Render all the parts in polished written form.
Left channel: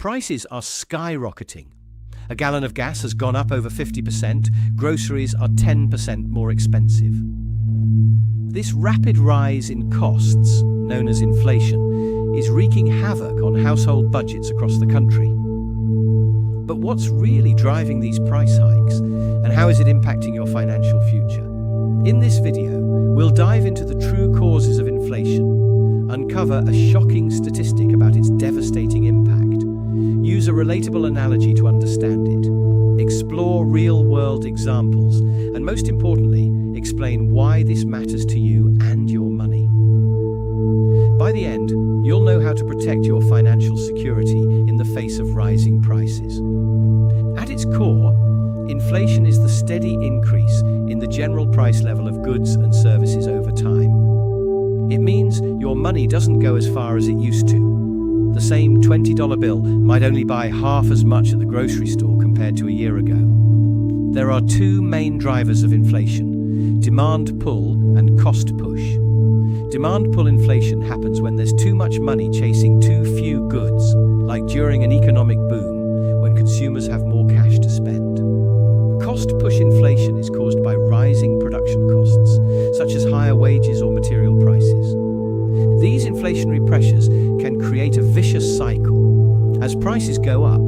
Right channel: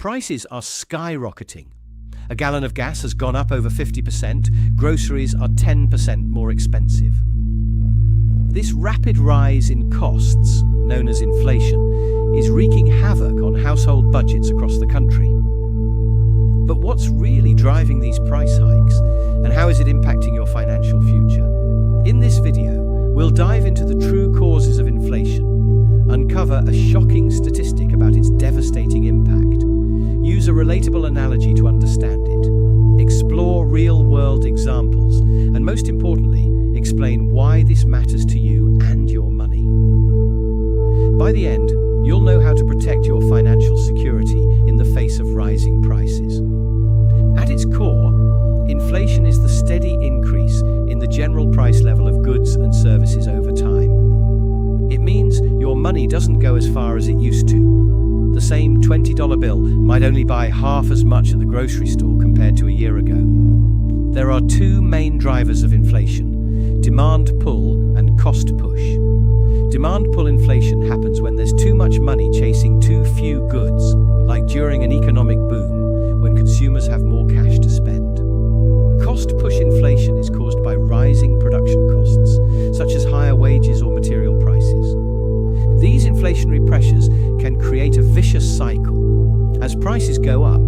Prices are skyrocketing. A gallon of gas has gone up over 50%, groceries are 10% more expensive. This rapid rise in costs, known as inflation, is wreaking havoc on household budgets across the country. But what's really driving these price hikes, and how is it impacting your financial future? In this video, we'll dive into the true causes of inflation, uncover a shocking statistic about its devastating impact, use a relatable analogy to understand it, explore real-world examples, and most importantly, explain why this matters to you and your money. By the end, you'll know how to protect your financial security in the face of rising prices. At its core, inflation is the steady increase in the general price level of goods and services over time. It means your money doesn't go as far as it used to. The same $20 bill might only buy half as much at the grocery store compared to a year ago. There are two main drivers of inflation: demand pull and cost push. Demand pull inflation happens when there's too much money chasing too few goods, like during an economic boom, when consumers have more cash to spend. Cost push inflation is caused by rising production costs, such as higher wages or material prices. These inflationary pressures can create a vicious cycle. As prices go up,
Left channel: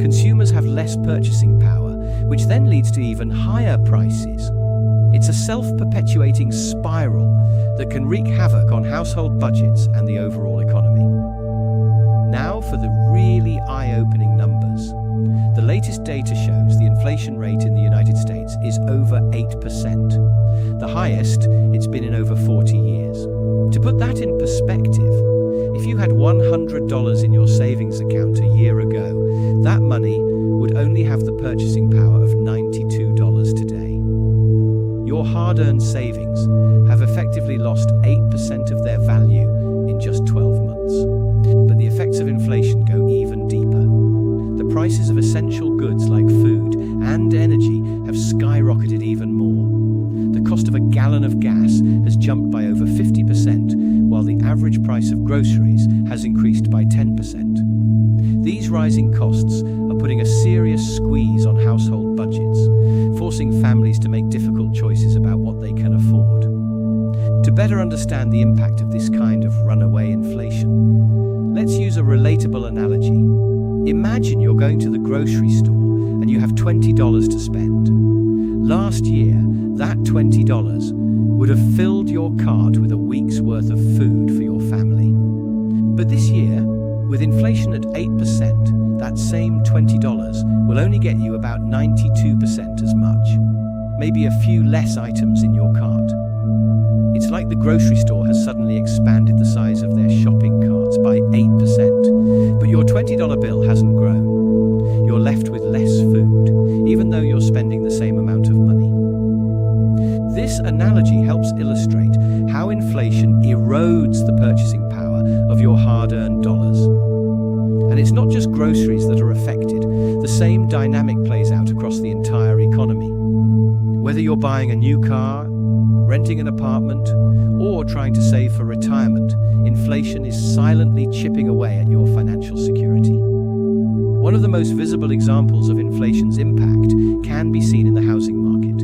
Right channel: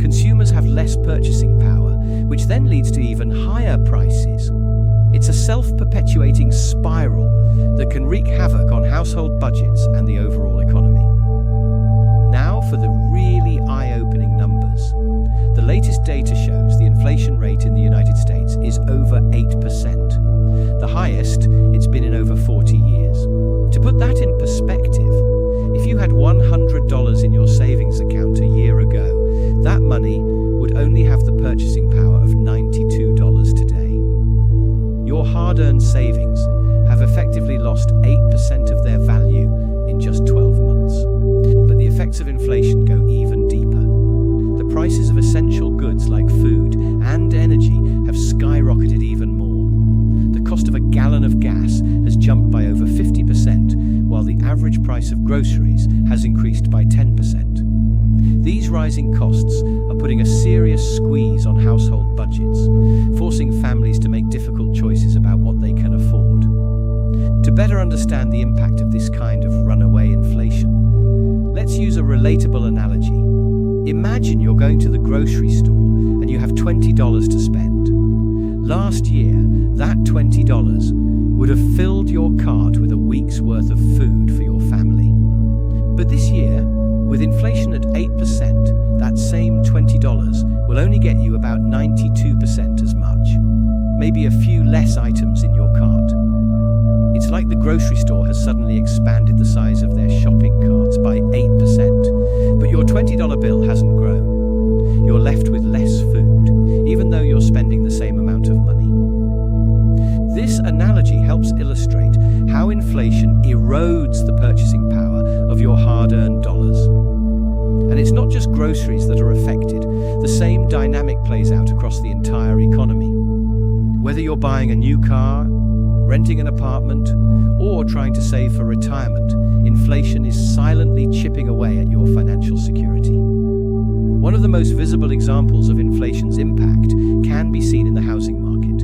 consumers have less purchasing power, which then leads to even higher prices. It's a self-perpetuating spiral that can wreak havoc on household budgets and the overall economy. Now for the really eye-opening numbers. The latest data shows the inflation rate in the United States is over 8%, the highest it's been in over 40 years. To put that in perspective, if you had $100 in your savings account a year ago, that money would only have the purchasing power of $92 today. Your hard-earned savings have effectively lost 8% of their value in just 12 months. But the effects of inflation go even deeper. The prices of essential goods like food and energy have skyrocketed even more. The cost of a gallon of gas has jumped by over 50%, while the average price of groceries has increased by 10%. These rising costs are putting a serious squeeze on household budgets, forcing families to make difficult choices about what they can afford. To better understand the impact of this kind of runaway inflation, let's use a relatable analogy. Imagine you're going to the grocery store and you have $20 to spend. Last year, that $20 would have filled your cart with a week's worth of food for your family. But this year, with inflation at 8%, that same $20 will only get you about 92% as much. Maybe a few less items in your cart. It's like the grocery store has suddenly expanded the size of their shopping carts by 8%, but your $20 bill hasn't grown. You're left with less food, even though you're spending the same amount of money. This analogy helps illustrate how inflation erodes the purchasing power of your hard-earned dollars. And it's not just groceries that are affected. The same dynamic plays out across the entire economy. Whether you're buying a new car, renting an apartment, or trying to save for retirement, inflation is silently chipping away at your financial security. One of the most visible examples of inflation's impact can be seen in the housing market.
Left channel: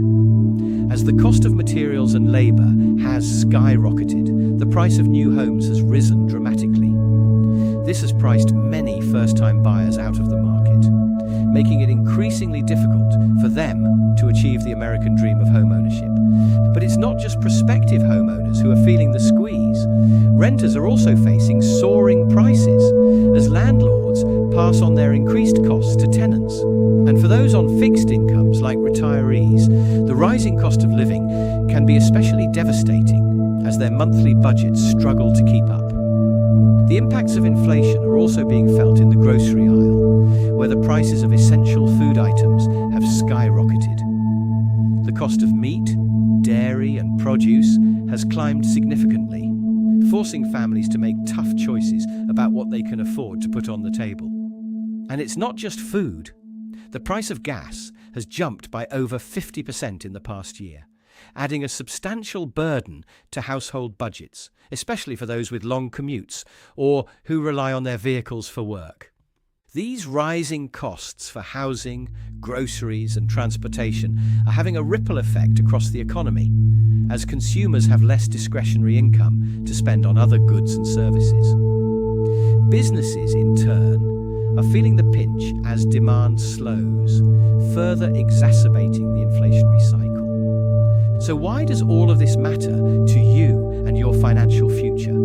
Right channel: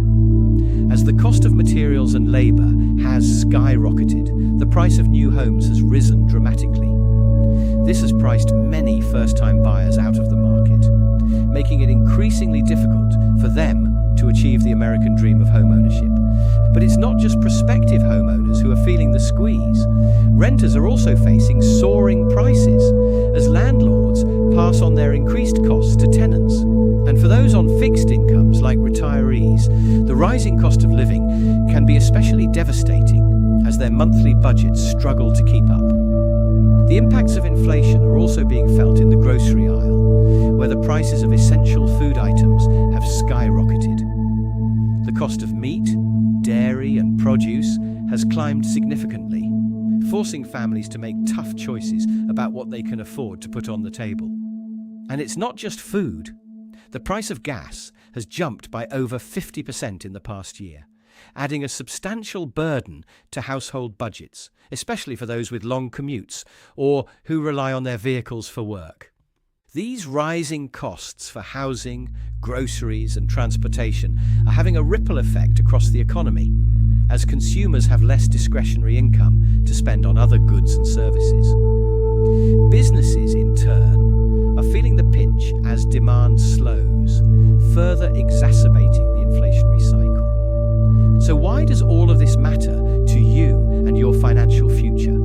As the cost of materials and labor has skyrocketed, the price of new homes has risen dramatically. This has priced many first-time buyers out of the market, making it increasingly difficult for them to achieve the American dream of homeownership. But it's not just prospective homeowners who are feeling the squeeze. Renters are also facing soaring prices as landlords pass on their increased costs to tenants. And for those on fixed incomes like retirees, the rising cost of living can be especially devastating as their monthly budgets struggle to keep up. The impacts of inflation are also being felt in the grocery aisle, where the prices of essential food items have skyrocketed. The cost of meat, dairy and produce has climbed significantly, forcing families to make tough choices about what they can afford to put on the table. And it's not just food. The price of gas has jumped by over 50% in the past year, adding a substantial burden to household budgets, especially for those with long commutes or who rely on their vehicles for work. These rising costs for housing, groceries, and transportation are having a ripple effect across the economy, as consumers have less discretionary income to spend on other goods and services. Businesses, in turn, are feeling the pinch as demand slows, further exacerbating the inflationary cycle. So why does all of this matter to you and your financial future?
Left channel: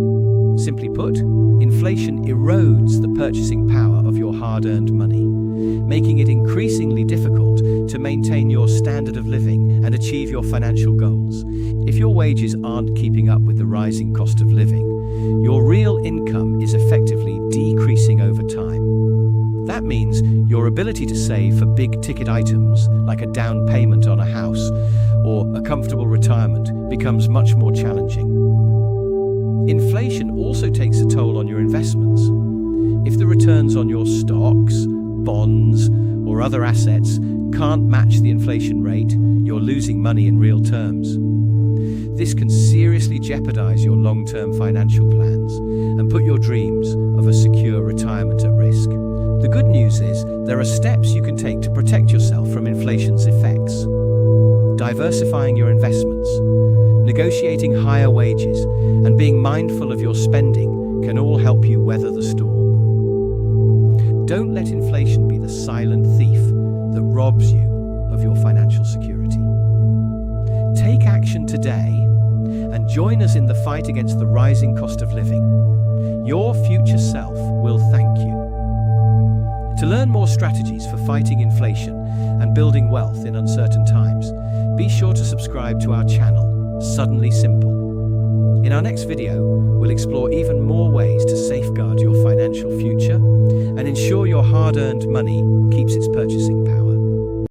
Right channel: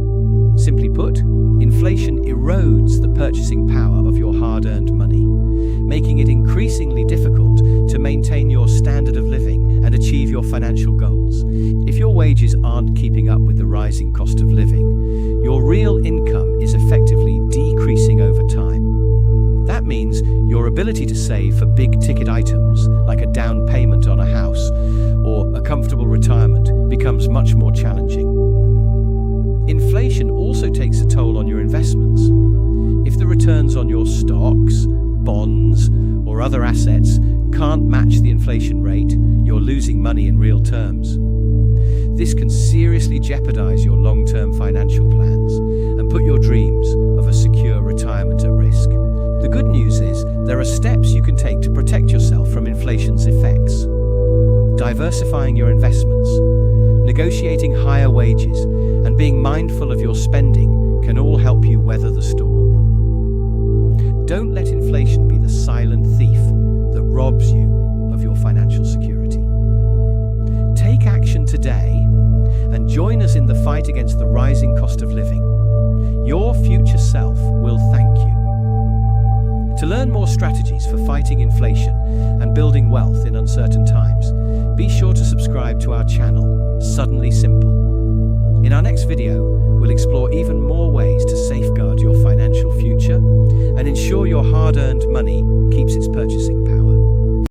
Simply put, inflation erodes the purchasing power of your hard-earned money, making it increasingly difficult to maintain your standard of living and achieve your financial goals. If your wages aren't keeping up with the rising cost of living, your real income is effectively decreasing over time. That means your ability to save for big-ticket items, like a down payment on a house or a comfortable retirement, becomes much more challenging. Inflation also takes a toll on your investments. If the returns on your stocks, bonds, or other assets can't match the inflation rate, you're losing money in real terms. This can seriously jeopardize your long-term financial plans and put your dreams of a secure retirement at risk. The good news is there are steps you can take to protect yourself from inflation's effects. Diversifying your investments, negotiating higher wages, and being mindful of your spending can all help you weather the storm. Don't let inflation be the silent thief that robs you of your financial security. Take action today and join us in the fight against the rising cost of living. Your future self will thank you. To learn more strategies for fighting inflation and building wealth in uncertain times, be sure to subscribe to our channel, Suddenly Simple. In our next video, we'll explore even more ways to safeguard your financial future and ensure your hard-earned money keeps its purchasing power.